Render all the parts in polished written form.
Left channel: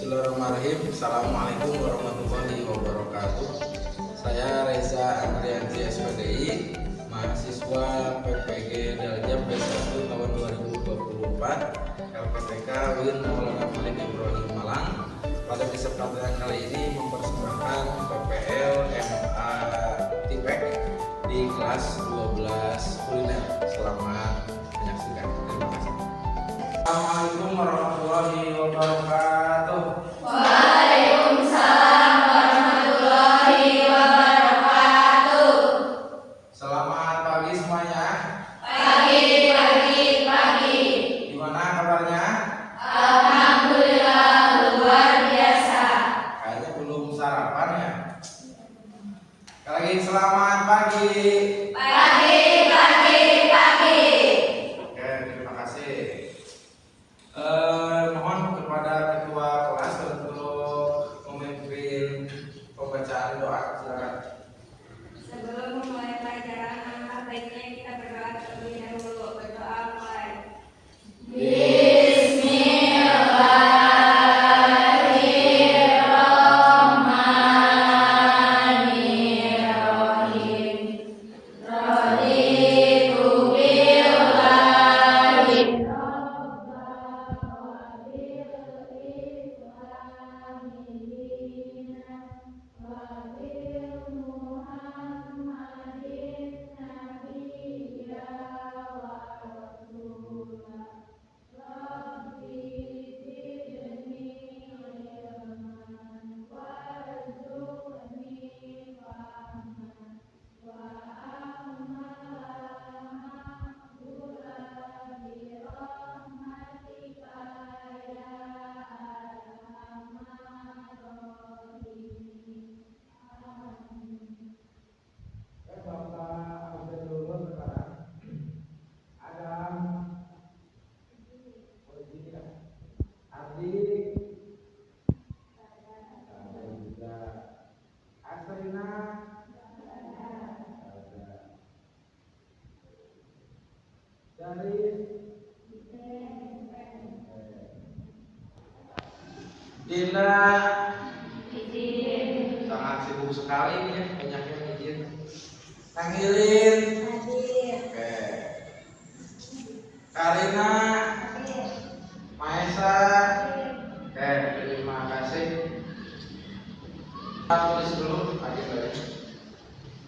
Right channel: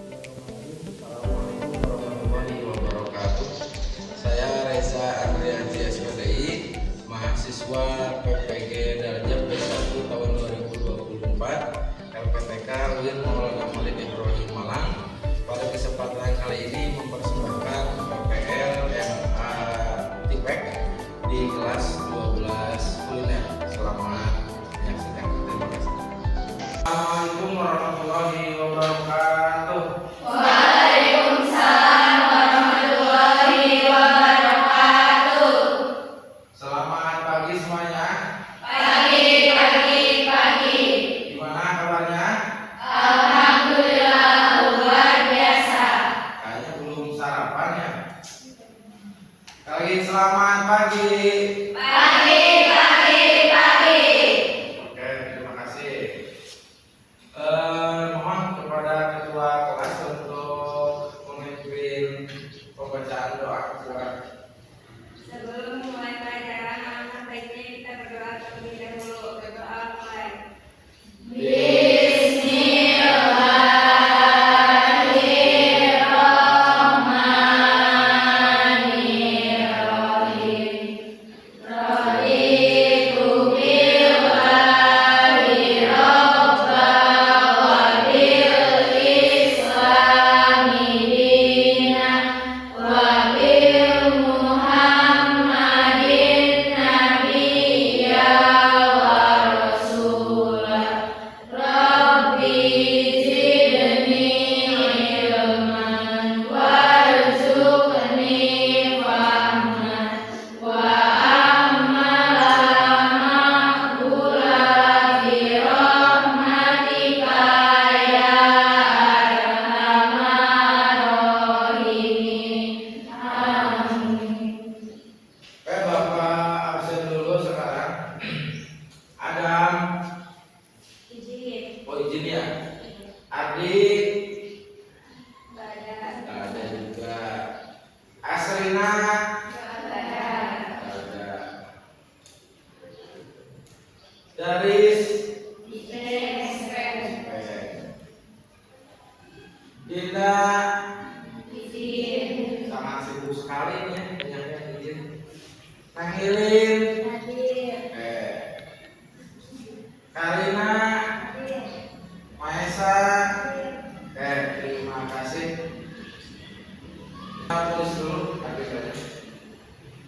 Bismillahirrahmanirrahim. Assalamualaikum warahmatullahi wabarakatuh. Saya Reza Andrianti SPDI, mahasiswa PPG Darjab B1 tahun 2024 LPTK UIN Maulana Malik Ibrahim Malang. Pada kesempatan kali ini mempersembahkan PPL MA Tipek di kelas 12 kuliner. Selamat menyaksikan. Terima kasih. Assalamualaikum warahmatullahi wabarakatuh. Waalaikumsalam warahmatullahi wabarakatuh. Selamat pagi semuanya. Pagi. Gimana kabarnya? Alhamdulillah luar biasa. Kayaknya belum sarapan ya. Lagi selamat pagi. Pagi. Oke, terima kasih. Mohon kepada ketua kelas untuk memimpin pembacaan doa. Silakan. Sebelum memulai pelajaran, alangkah baiknya kita berdoa terlebih dahulu. Berdoa mulai. Bapak absen dulu sekarang. Adam, izin ya. Adik, nggak ada juga. Asrina, nggak ada. Daris, Dinda, sangat sibuk sekali ini ya, banyaknya izin. Panggilin, Karina, Maesa. Terima kasih. Kita tulis dulu agendanya.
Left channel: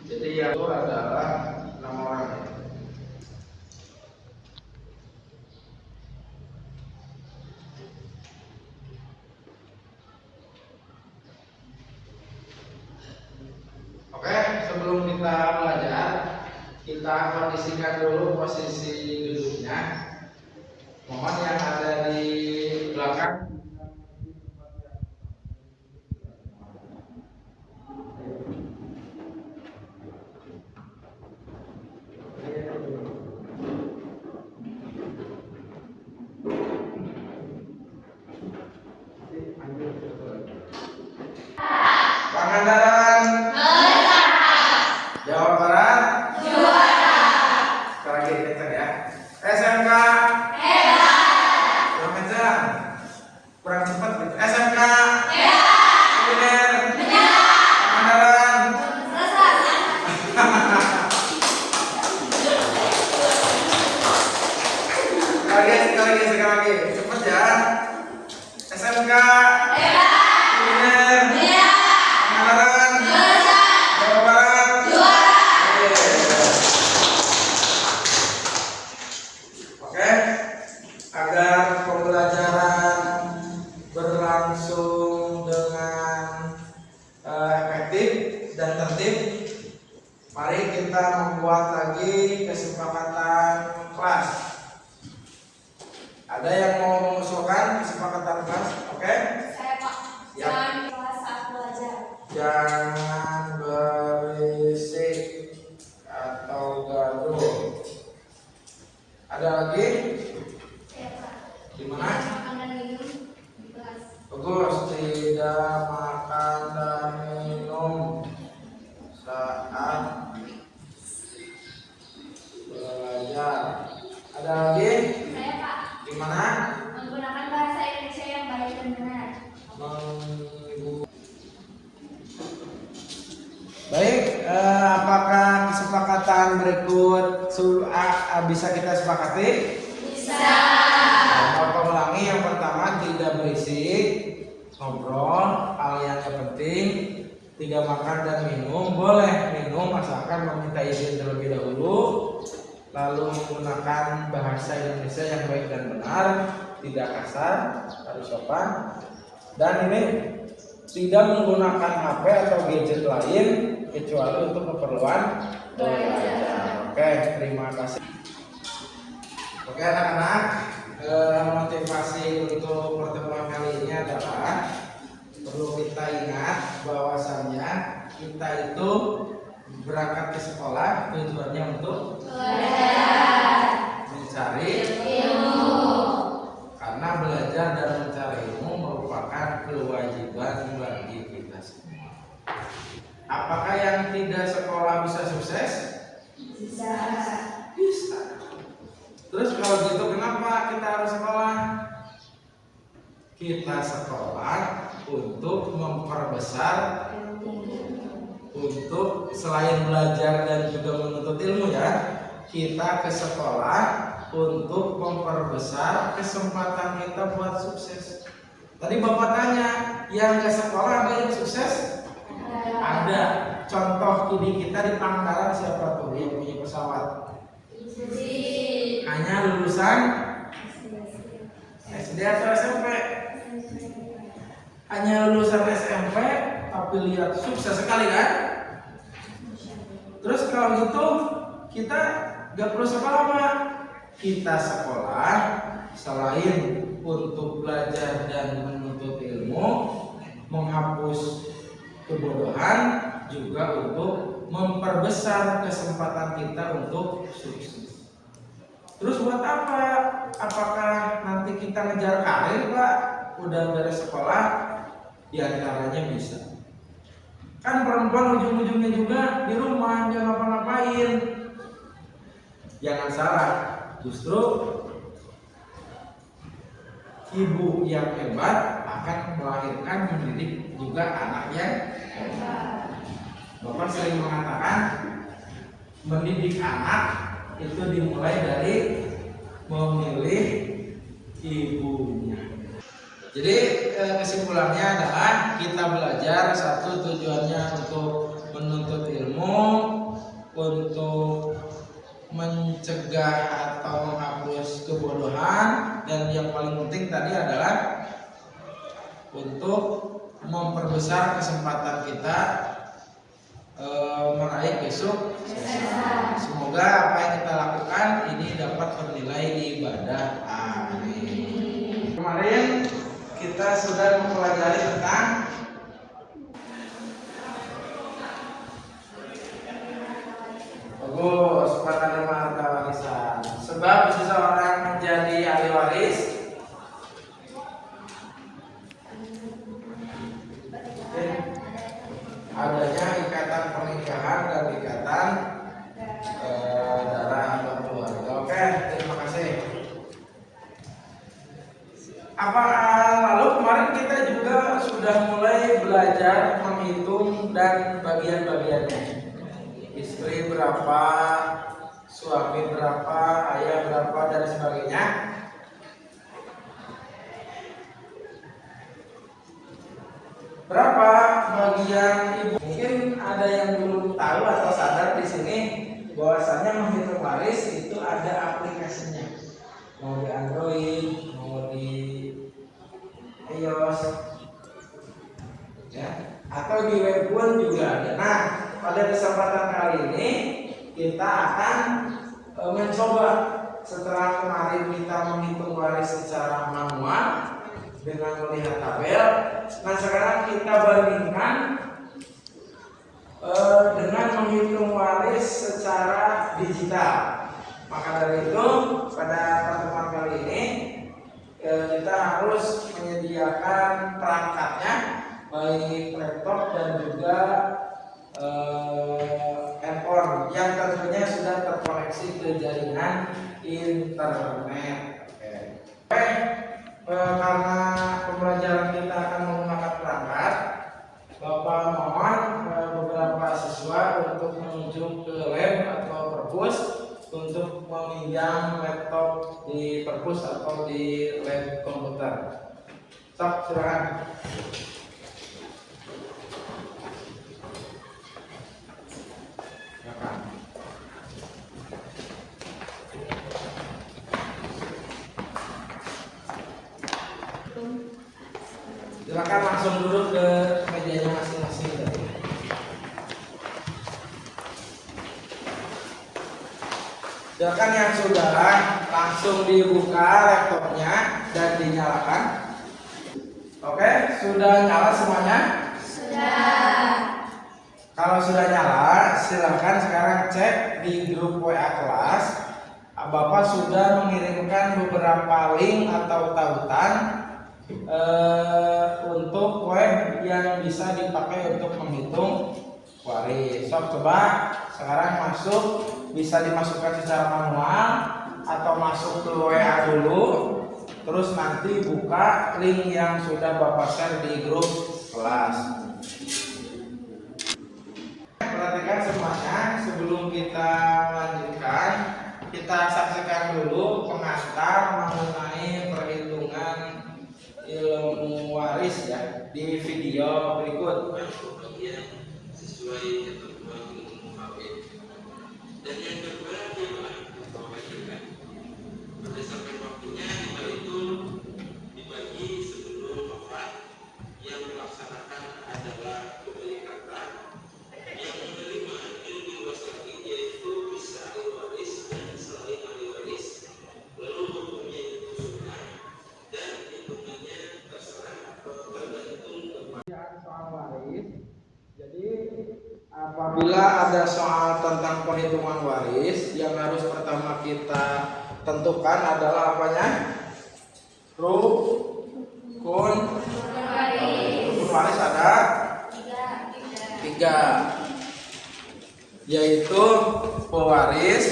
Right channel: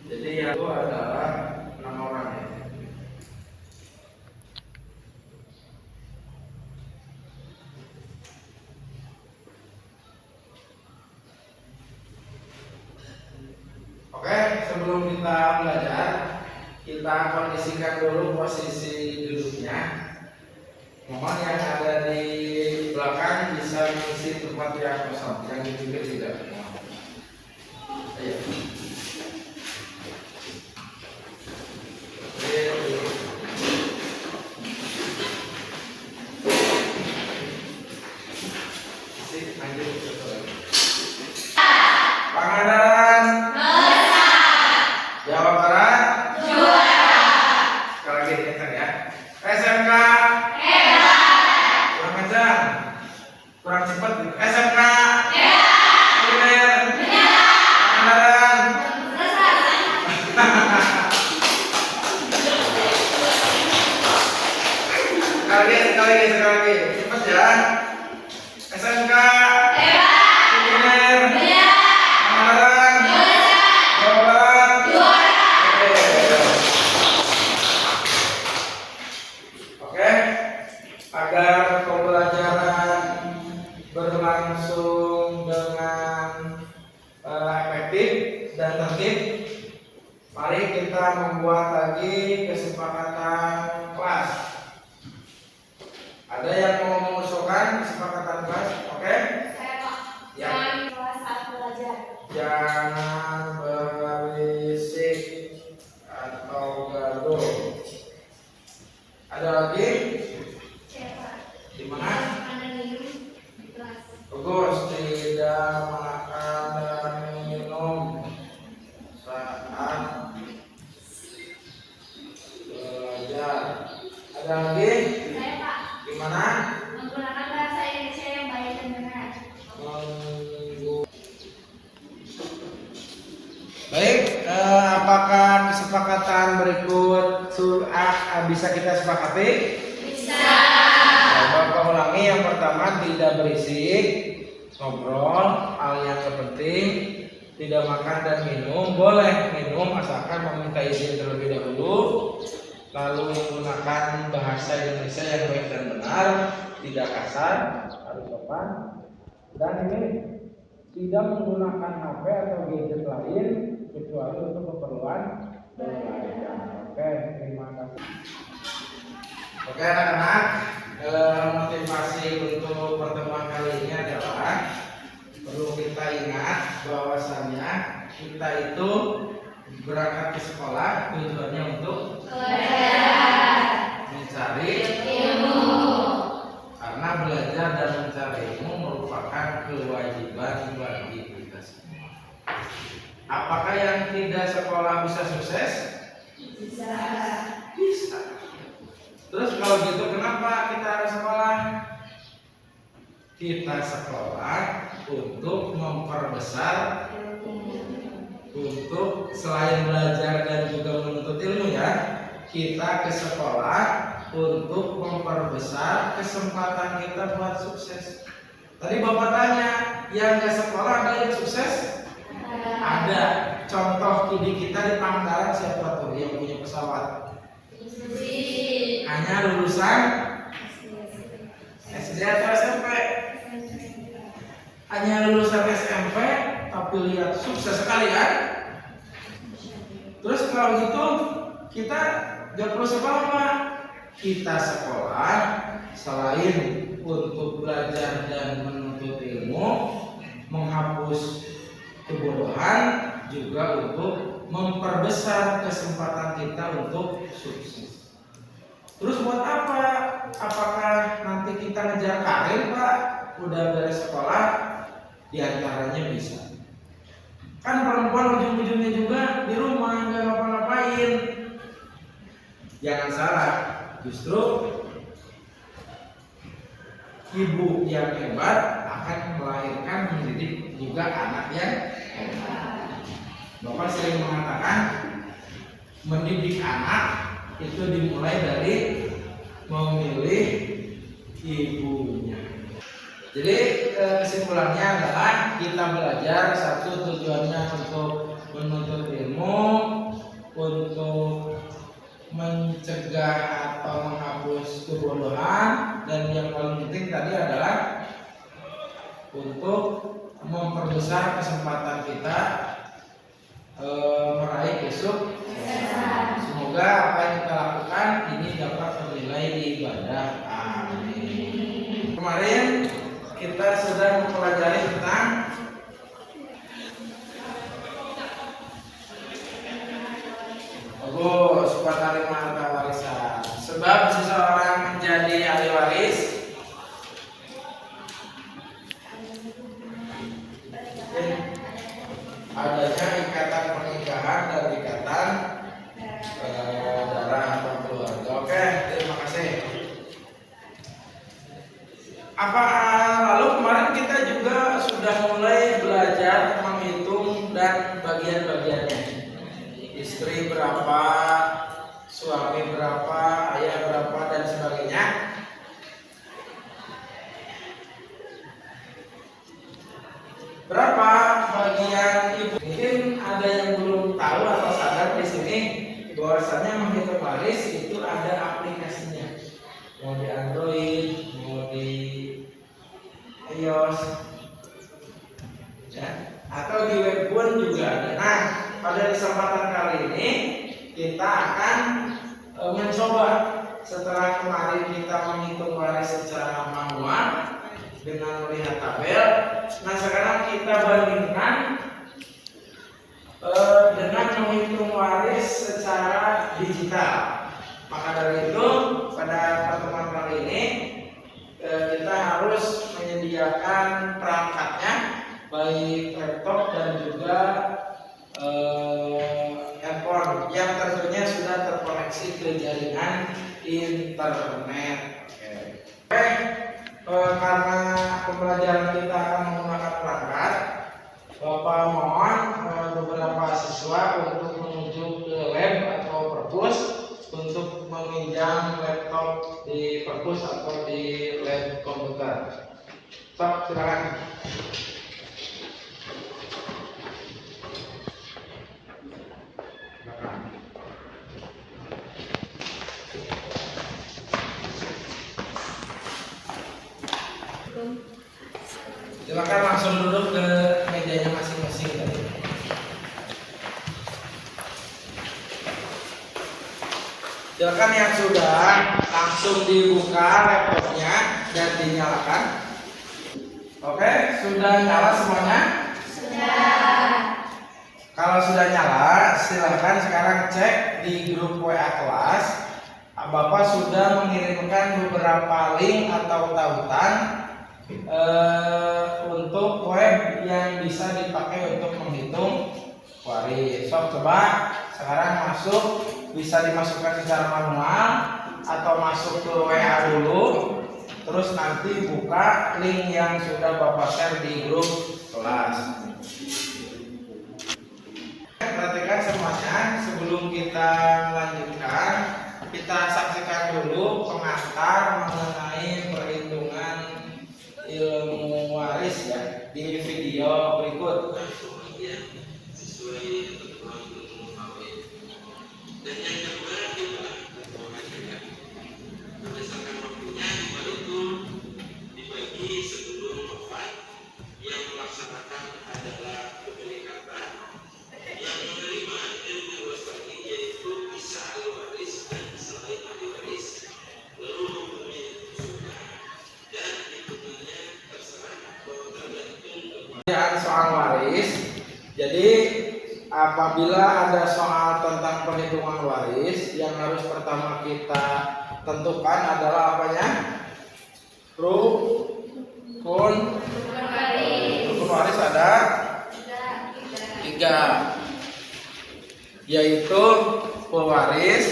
Jadi yang itu adalah 6 orang ya. Oke, sebelum kita belajar, kita kondisikan dulu posisi duduknya. Mohon yang ada di belakang bisa mengisi tempat yang kosong, yang di pinggir tidak. Ayo. Pangandaran, Jawa Barat, sekali lagi dengar ya. SMK, kurang kencang, kurang cepat. SMK, kuliner, Pangandaran. Sekali lagi, cepat ya. SMK, kuliner, Pangandaran, Jawa Barat. Oke, agar pembelajaran berlangsung dengan efektif dan tertib, mari kita membuat lagi kesepakatan kelas. Ada yang mau mengusulkan kesepakatan kelas? Oke? Saya Pak. Ya. Jangan kelas saat belajar. Jangan berisik atau gaduh. Ada lagi? Saya Pak. Di mana? Makan dan minum di kelas. Bagus, tidak makan dan minum saat belajar. Ada lagi? Saya Pak. Di mana? Menggunakan bahasa Indonesia yang baik dan benar. Baik, apakah kesepakatan berikut bisa kita sepakati? Bisa. Bapak ulangi, yang pertama tidak berisik, ngobrol, hal yang penting, tidak makan dan minum. Boleh minum asalkan meminta izin terlebih dahulu, lalu menggunakan bahasa Indonesia yang baik dan benar, tidak kasar, harus sopan, dan ini tidak menggunakan HP atau gadget lain kecuali untuk keperluan belajar. Oke, terima kasih. Oke anak-anak, motivasi untuk pertemuan kali ini adalah perlu kita ingat bahwasannya kita itu berangkat ke sekolah tujuannya untuk mencari ilmu. Karena belajar dan mencari ilmu merupakan kewajiban bagi kita semua. Apakah yang tidak sekolah bisa sukses? Bisa. Bisa. Terus kalau gitu kenapa kita harus sekolah? Kita sekolah untuk memperbesar, untuk selain belajar dan juga menuntut ilmu ya, kita ke sekolah untuk memperbesar kesempatan kita buat sukses. Tadi Bapak tanya, yang ke sekolah ada yang sukses? Ada. Contoh kini kita di Pangandaran siapa tuh yang punya pesawat? Hanya lulusan SD atau SMP? Hanya lulusan SMP, tapi lihat sukses sekali kan? Terus kalau gitu kita gak perlu sekolah Pak. Kita sekolah selain untuk belajar dan menuntut ilmu, menghapus kebodohan, juga untuk memperbesar kesempatan kita untuk sukses. Terus buat apa? Apakah nanti kita ngejar karir Pak? Udah beres sekolah? Di antaranya bisa. Kan perempuan ujung-ujungnya juga di rumah, nggak ngapa-ngapain. Jangan salah, justru ibu yang hebat akan melahirkan mendidik juga anak yang hebat. Bapak sering mengatakan mendidik anak itu dimulai dari memilih ibunya. Jadi kesimpulannya adalah kita belajar satu tujuannya untuk menuntut ilmu, untuk mencegah atau menghapus kebodohan, dan yang paling penting tadi adalah untuk memperbesar kesempatan kita meraih besok. Semoga apa yang kita lakukan ini dapat bernilai di ibadah. Amin. Kemarin kita sudah mempelajari tentang bagus penerima harta warisan. Sebab seseorang menjadi ahli waris adanya ikatan pernikahan dan ikatan darah atau keluarga. Oke, terima kasih. Lalu kemarin kita juga sudah mulai belajar menghitung dan bagian-bagiannya. Istri berapa, suami berapa, ayah berapa, dan sebagainya. Berapa bagian ibu? Mungkin ada yang belum tahu atau sadar di sini bahwasanya menghitung waris itu ada aplikasinya. Mau di Android, mau di iOS, ya, atau di web pun juga ada. Nah, pada kesempatan kali ini kita akan mencoba setelah kemarin kita menghitung waris secara manual dengan melihat tabel. Nah, sekarang kita bandingkan dengan menghitung waris secara digital. Maka dari itu pada pertemuan kali ini kita harus menyediakan perangkatnya, baik laptop dan juga handphone yang tentunya sudah terkoneksi ke jaringan internet. Oke. karena pembelajaran kita akan menggunakan perangkat, Bapak mohon beberapa siswa untuk menuju ke lab atau perpus untuk meminjam laptop di perpus atau di lab komputer. Sok, silakan. Silakan langsung duduk ke mejanya masing-masing tadi. Silakan yang sudah langsung dibuka laptopnya dan dinyalakan. Oke, sudah nyala semuanya? Sudah. Kalau sudah nyala, silakan sekarang cek di grup WA kelas. Bapak sudah mengirimkan beberapa link atau tautan untuk web yang bisa dipakai untuk menghitung waris. Sok, coba sekarang masuk, bisa dimasukkan secara manual atau masuk ke WA dulu, terus nanti buka link yang sudah Bapak share di grup kelas. Perhatikan semuanya, sebelum kita melanjutkan, kita saksikan dulu pengantar mengenai perhitungan ilmu waris ya di video berikut. Sesuai ketentuan ilmu waris. Dan yang kedua diwajibkan berdasarkan waktunya itu dibagi sebelum wafat. Yang melaksanakan adalah pemilik harta, yang menerima ilmu waris lagi yaitu bisa ahli waris dan selain ahli waris, lalu mempunyai usulan dan hitungannya terserah atau tergantung kepada soal waris. Jadi apabila ada soal tentang perhitungan waris, yang harus pertama kita tentukan adalah apanya? Rukun waris ada tiga, yaitu pewaris,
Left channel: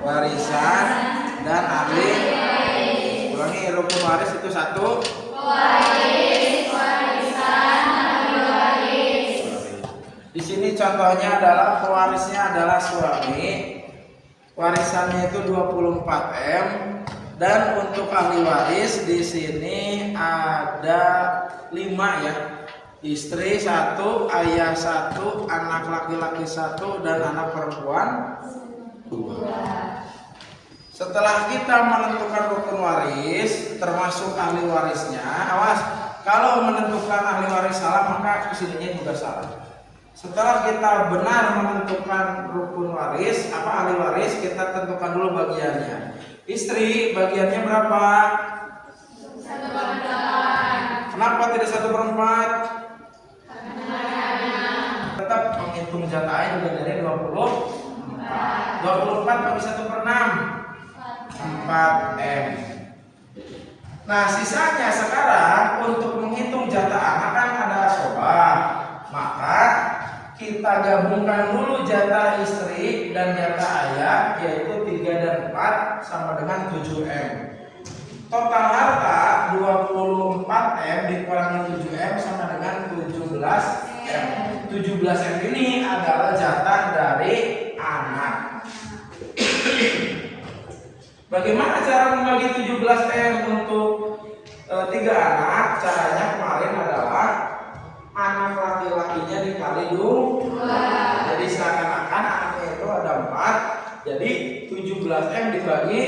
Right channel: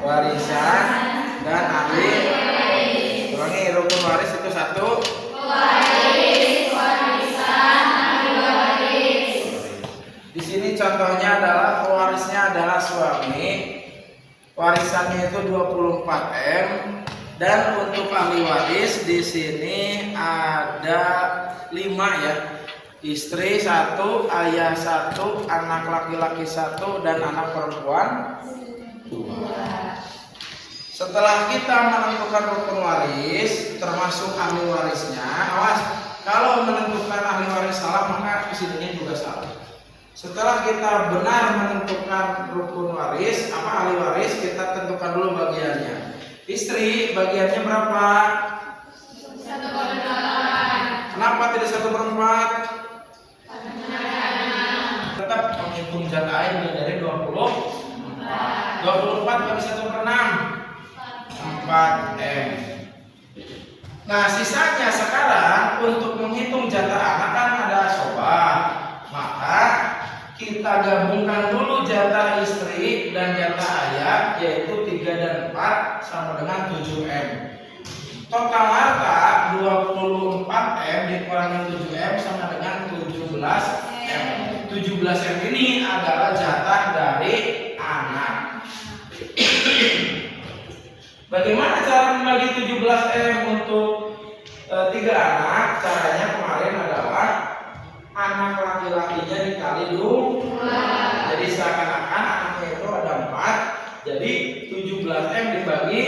warisan, dan ahli. Ulangi, rukun waris itu satu. Di sini contohnya adalah pewarisnya adalah suami, warisannya itu 24 M, dan untuk ahli waris di sini ada 5 ya, istri 1, ayah 1, anak laki-laki 1, dan anak perempuan 2. Setelah kita menentukan rukun waris termasuk ahli warisnya, awas kalau menentukan ahli waris salah maka kesininya juga salah. Setelah kita benar menentukan rukun waris, ahli waris, kita tentukan dulu bagiannya. Istri bagiannya berapa? 1/4. Kenapa tidak 1/4? Tetap menghitung jatah juga dari 24. 24 kali 1/6, 4 M. Nah sisanya sekarang untuk menghitung jatah anak kan ada asobah, maka kita gabungkan dulu jatah istri dan jatah ayah, yaitu 3 dan 4 sama dengan 7 M. Total harta 24 M dikurangi 7 M sama dengan 17 M. 17 M ini adalah jatah dari anak. Bagaimana cara membagi 17 M untuk 3 anak? Caranya kemarin adalah anak laki-lakinya dikali 2. Jadi seakan-akan anaknya itu ada 4. Jadi 17 M dibagi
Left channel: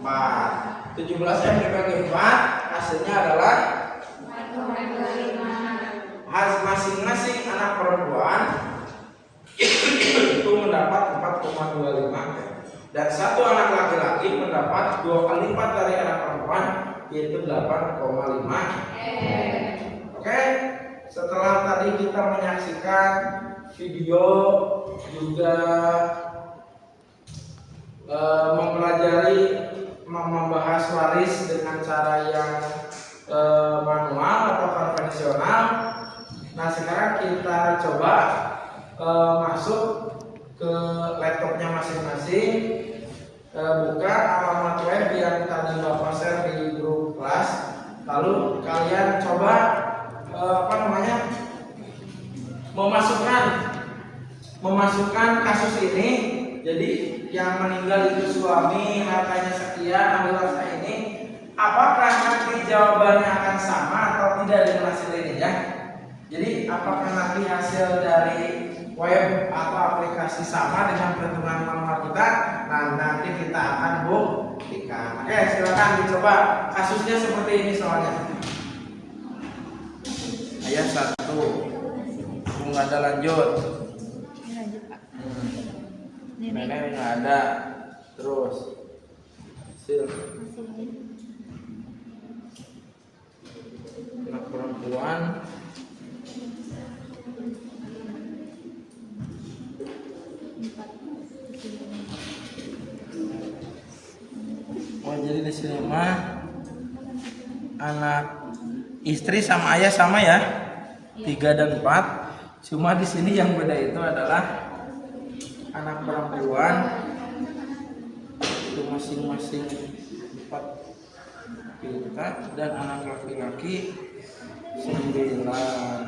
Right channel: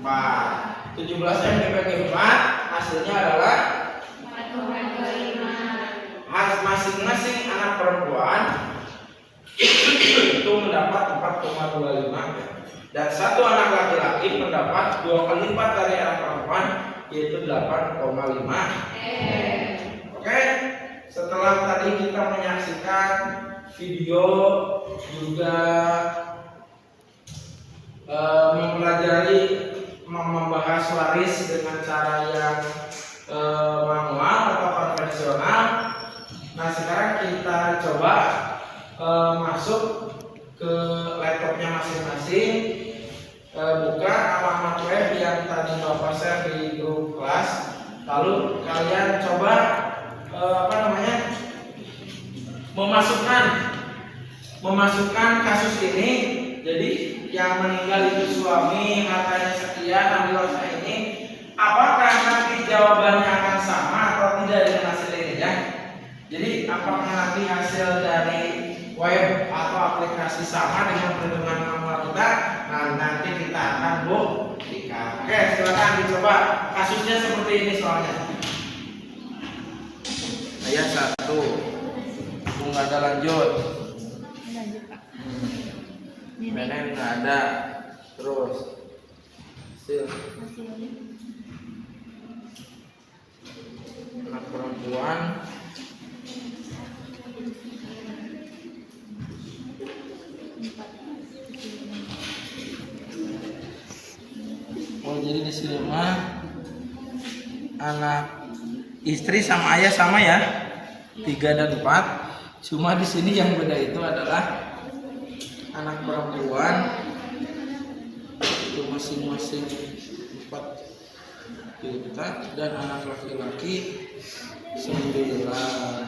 4. 17 M dibagi 4 hasilnya adalah 4,25. Masing-masing anak perempuan itu mendapat 4,25 dan satu anak laki-laki mendapat 2 kali lipat dari anak perempuan, yaitu 8,5. Oke, setelah tadi kita menyaksikan video juga mempelajari membahas waris dengan cara yang manual atau konvensional. Nah sekarang kita coba masuk ke laptopnya masing-masing, buka alamat web yang yang tadi Bapak share di grup kelas. Lalu kalian coba memasukkan kasus ini. Jadi yang meninggal itu suami, hartanya sekian, ambil harta ini. Apakah nanti jawabannya akan sama atau tidak dengan hasil ini ya? Jadi apakah nanti hasil dari web atau aplikasi sama dengan perhitungan manual kita? Nah, nanti kita akan buktikan. Oke, silakan dicoba. Kasusnya seperti ini soalnya. Ayat 1. Nggak ada lanjut. Lanjut, Pak. Nenek nggak ada. Terus hasil anak perempuan jadi di sini mah anak istri sama ayah sama ya, 3 dan 4. Cuma di sini yang beda itu adalah anak perempuan itu masing-masing 4 juta dan anak laki-laki 9.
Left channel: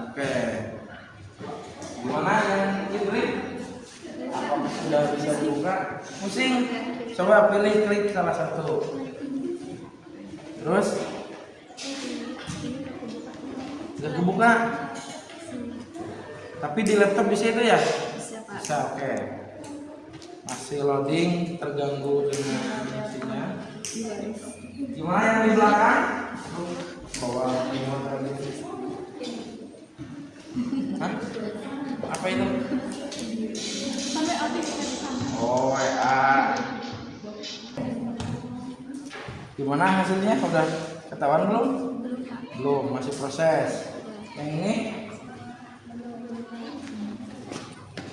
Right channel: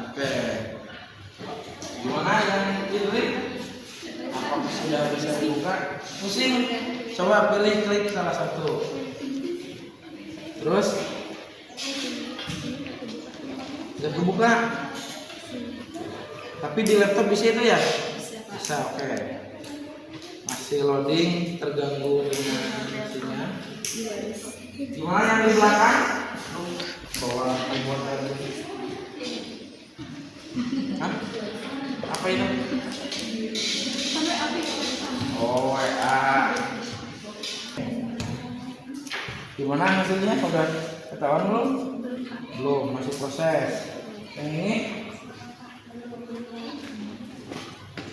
Oke, gimana yang ini? Apakah sudah bisa dibuka? Pusing? Coba pilih, klik salah satu. Terus sudah kebuka. Tapi di laptop bisa itu ya? Bisa, oke. Masih loading, terganggu dengan sinyal. Gimana yang di belakang? Bawa remote tadi. Hah? Apa itu? Oh, WA. Gimana hasilnya? Udah ketahuan belum? Belum, masih proses. Yang ini?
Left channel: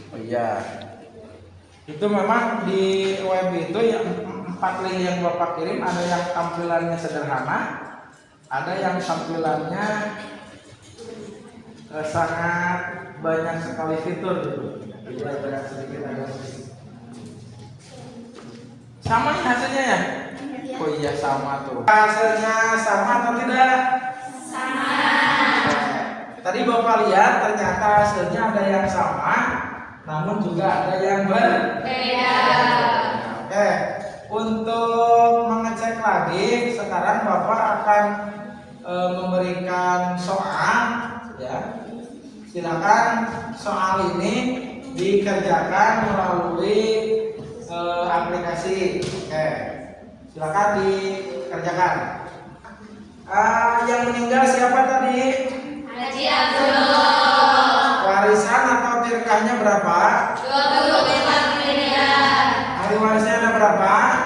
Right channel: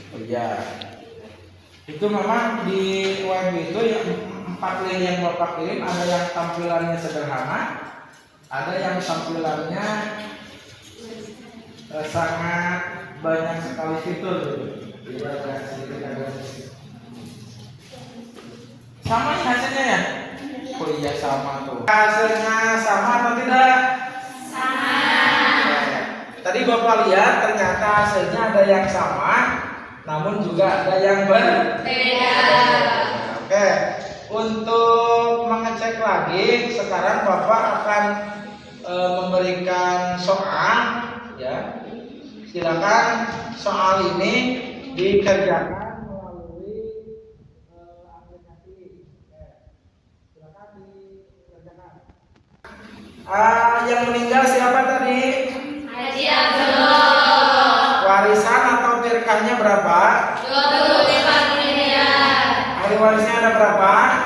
Oh iya. Itu memang di web itu ya 4 link yang Bapak kirim, ada yang tampilannya sederhana, ada yang tampilannya sangat banyak sekali fitur gitu. Jadi ada sedikit agak sama nih hasilnya ya? Oh iya sama tuh. Hasilnya sama atau tidak? Sama. Tadi Bapak lihat ternyata hasilnya ada yang sama, namun juga ada yang berbeda. Oke, untuk mengecek lagi sekarang Bapak akan memberikan soal ya. Silakan soal ini dikerjakan melalui aplikasi. Oke, silakan dikerjakan. Yang meninggal siapa tadi? Haji Abdullah. Warisan atau tirkahnya berapa? 25 miliar. Ahli warisnya ada berapa?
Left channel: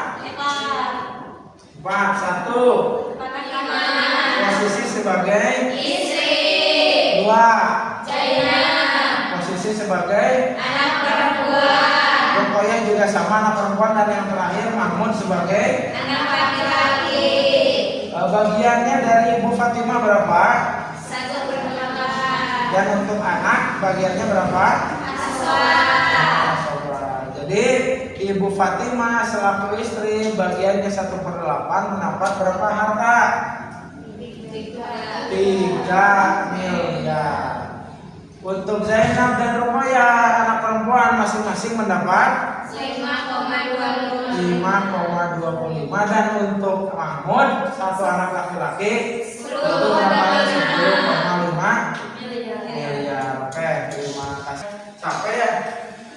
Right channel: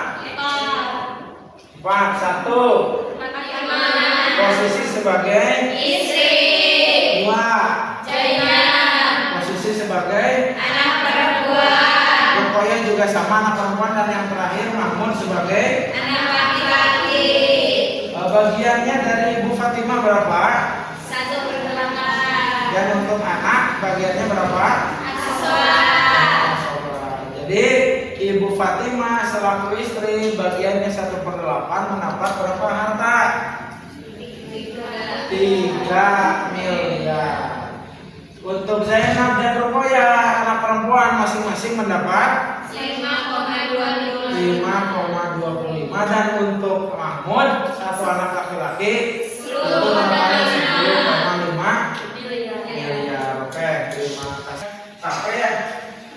4. 4. 1. Posisi sebagai Istri. 2. Posisi sebagai Anak perempuan. pokoknya juga sama anak perempuan, dan yang terakhir Mahmud sebagai Anak laki-laki. Bagiannya dari Ibu Fatimah berapa? 1/8. Dan untuk anak bagiannya berapa? Jadi Ibu Fatimah selaku istri bagiannya 1/8 mendapat berapa harta? 3 miliar. Untuk Zainab dan Ruqayyah anak perempuan masing-masing mendapat 5,25, dan untuk Mahmud satu anak laki-laki itu mendapat 10,5 miliar. Oke, terima kasih. Sampai ya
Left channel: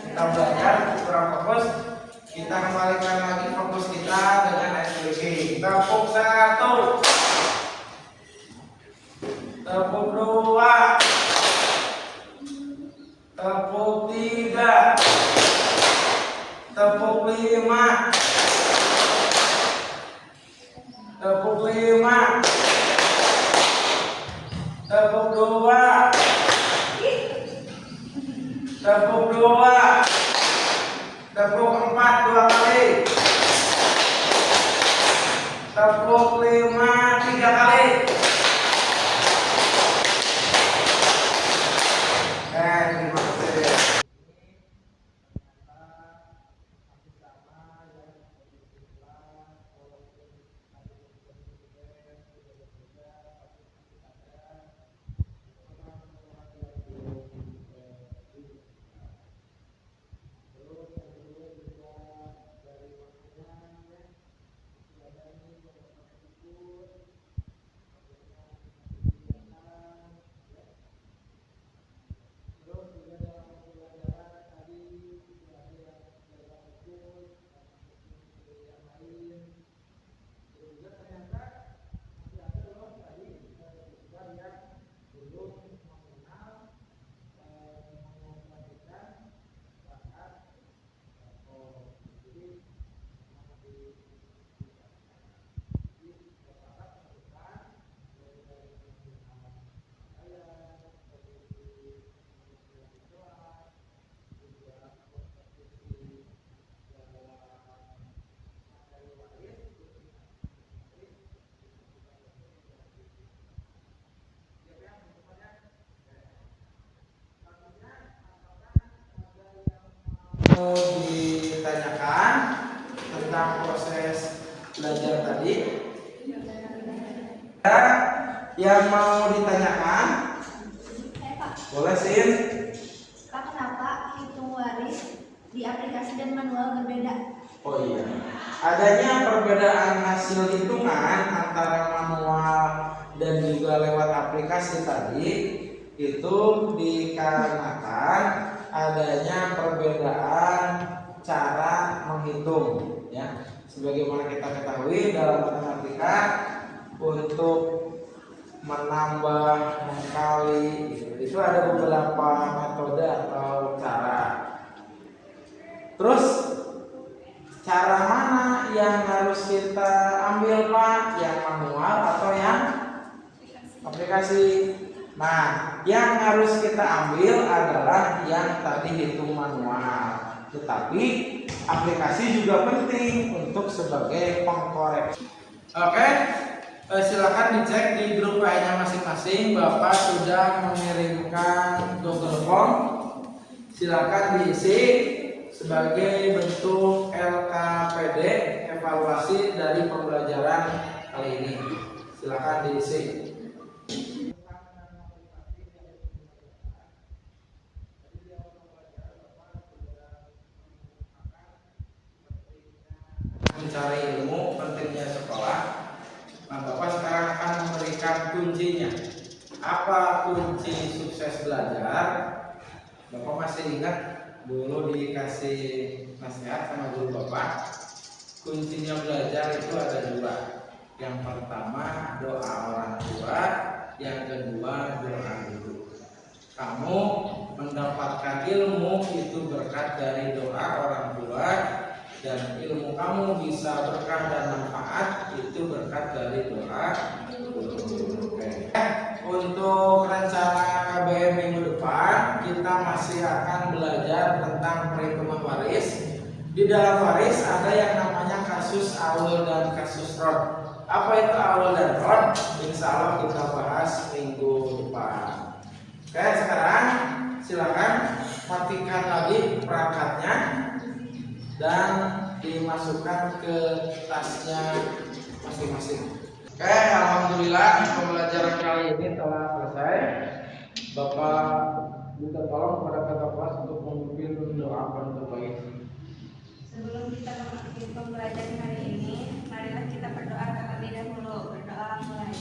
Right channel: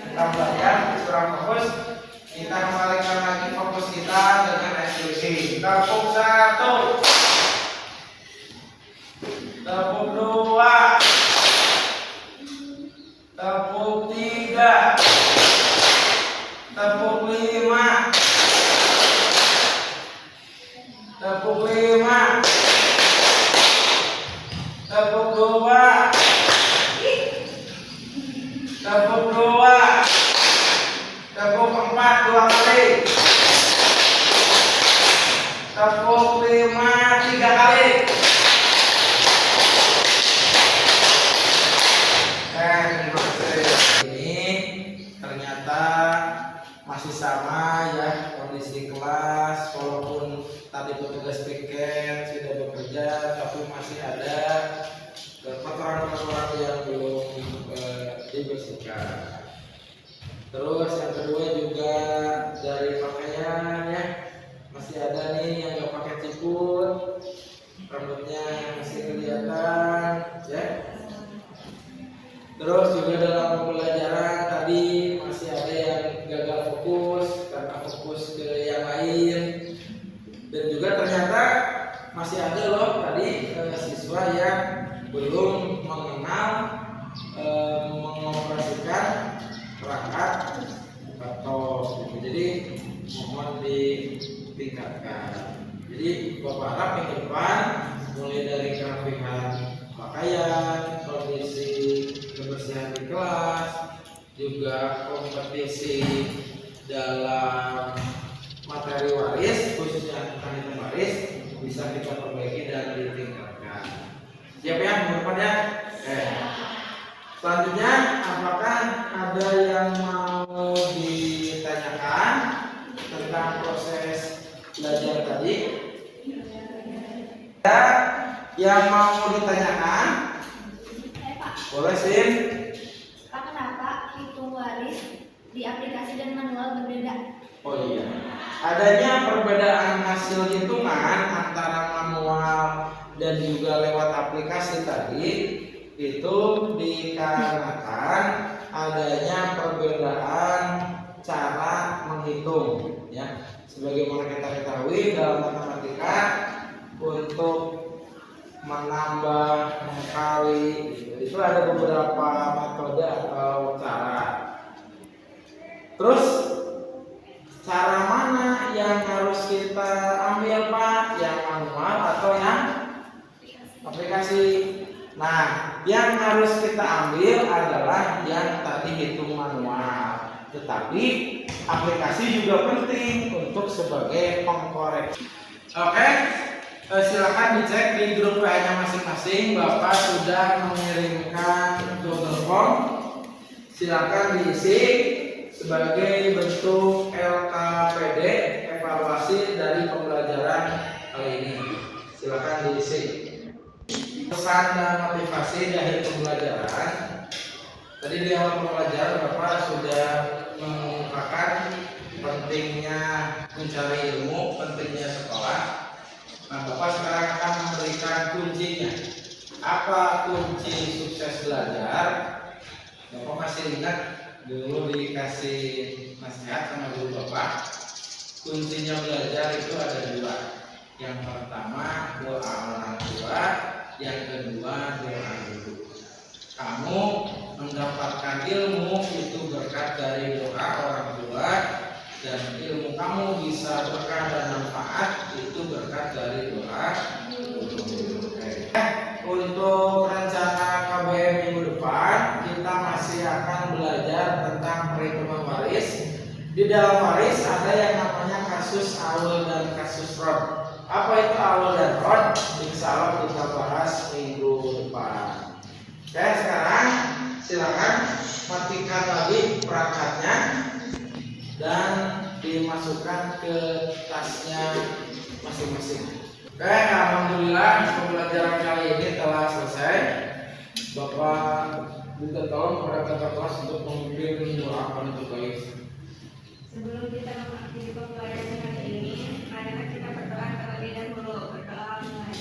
kita belajar kurang fokus. Kita kembalikan lagi fokus kita dengan SPG. Tepuk 1, tepuk 2, tepuk 3, tepuk 5, tepuk 5, tepuk 2, tepuk 2, tepuk 4 2 kali, tepuk 5 3 kali. Terima kasih. Ini ternyata masih sama ya kondisi kelas, walaupun ada kotoran-kotoran yang belum dibersihkan. Terus yang kedua juga dari pakaian ya, masih ada nih yang nggak pakai ciput, rambutnya masih kelihatan ya. Terus juga dalam pembelajaran tadi masih ada yang gagal fokus karena fokus ke yang lain, dan juga ternyata masih ada loh tadi siswa yang belum mengenal mengoperasikan perangkat laptop. Jadi mohon ditingkatkan. Jadi Bapak harap minggu depan mulai dari kerapihan pakaian, kondisi kebersihan di kelas, juga kompetisi dalam materi waris khususnya tentang waris bisa kita perbaiki dan ditingkatkan. Siap ya minggu depan ya? Selanjutnya, apakah ada yang mau ditanyakan tentang proses belajar tadi? Ada yang mau ditanyakan? Pak, Boleh Sin. Pak, kenapa hitung waris di aplikasi dan manual berbeda? Oh iya, adanya perbedaan hasil hitungan antara manual dan juga lewat aplikasi tadi itu dikarenakan adanya perbedaan cara menghitung ya. Sebagaimana kita ketahui dalam matematika untuk menambah, mengkali itu ada beberapa metode atau cara. Terus cara mana yang harus kita ambil Pak? Yang manual atau yang aplikasi? Nah, yang harus kita ambil adalah yang tadi hitung manual. Tetapi aplikasi juga penting untuk sebagai pengkoreksi. Oke, silakan dicek di grup lainnya masing-masing. Bapak sudah mengirimkan Google Form. Silakan diisi sebagai bentuk LKPD evaluasi dari pembelajaran kali ini. Silakan diisi. Pesan dan motivasi dari pembelajaran. Tadi di awal pembelajaran Bapak sudah mengungkapkan pentingnya mencari ilmu, pentingnya sekolah. Nah, Bapak sekarang akan memberikan kuncinya. Apa kunci sukses belajar? Bapak masih ingat dulu dikasih nasihat sama guru Bapak, kuncinya belajar itu ada dua. Yang pertama doa orang tua, yang kedua doa guru. Kamu mendapatkan ilmu itu berkat dari doa orang tua, dan ilmu kamu bisa berkah dan manfaat itu berkat dari doa guru. Untuk rencana KBM minggu depan kita masih akan belajar tentang perhitungan waris. Di dalam waris ada yang namanya kasus awal dan kasus rod. Apa itu awal dan rod? Insya Allah kita bahas minggu depan. Oke, sekarang silakan matikan lagi perangkatnya dan dimasukkan ke tasnya masing-masing. Oke, alhamdulillah pembelajaran kali ini telah selesai. Bapak minta tolong kepada kakak kelas untuk memimpin doa penutup baik. Sebelum kita mengakhiri pembelajaran hari ini, marilah kita berdoa terlebih dahulu. Berdoa mulai.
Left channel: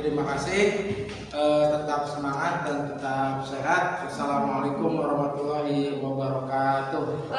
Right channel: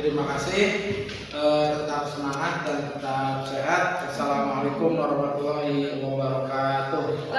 Terima kasih. Tetap semangat dan tetap sehat. Assalamualaikum warahmatullahi wabarakatuh.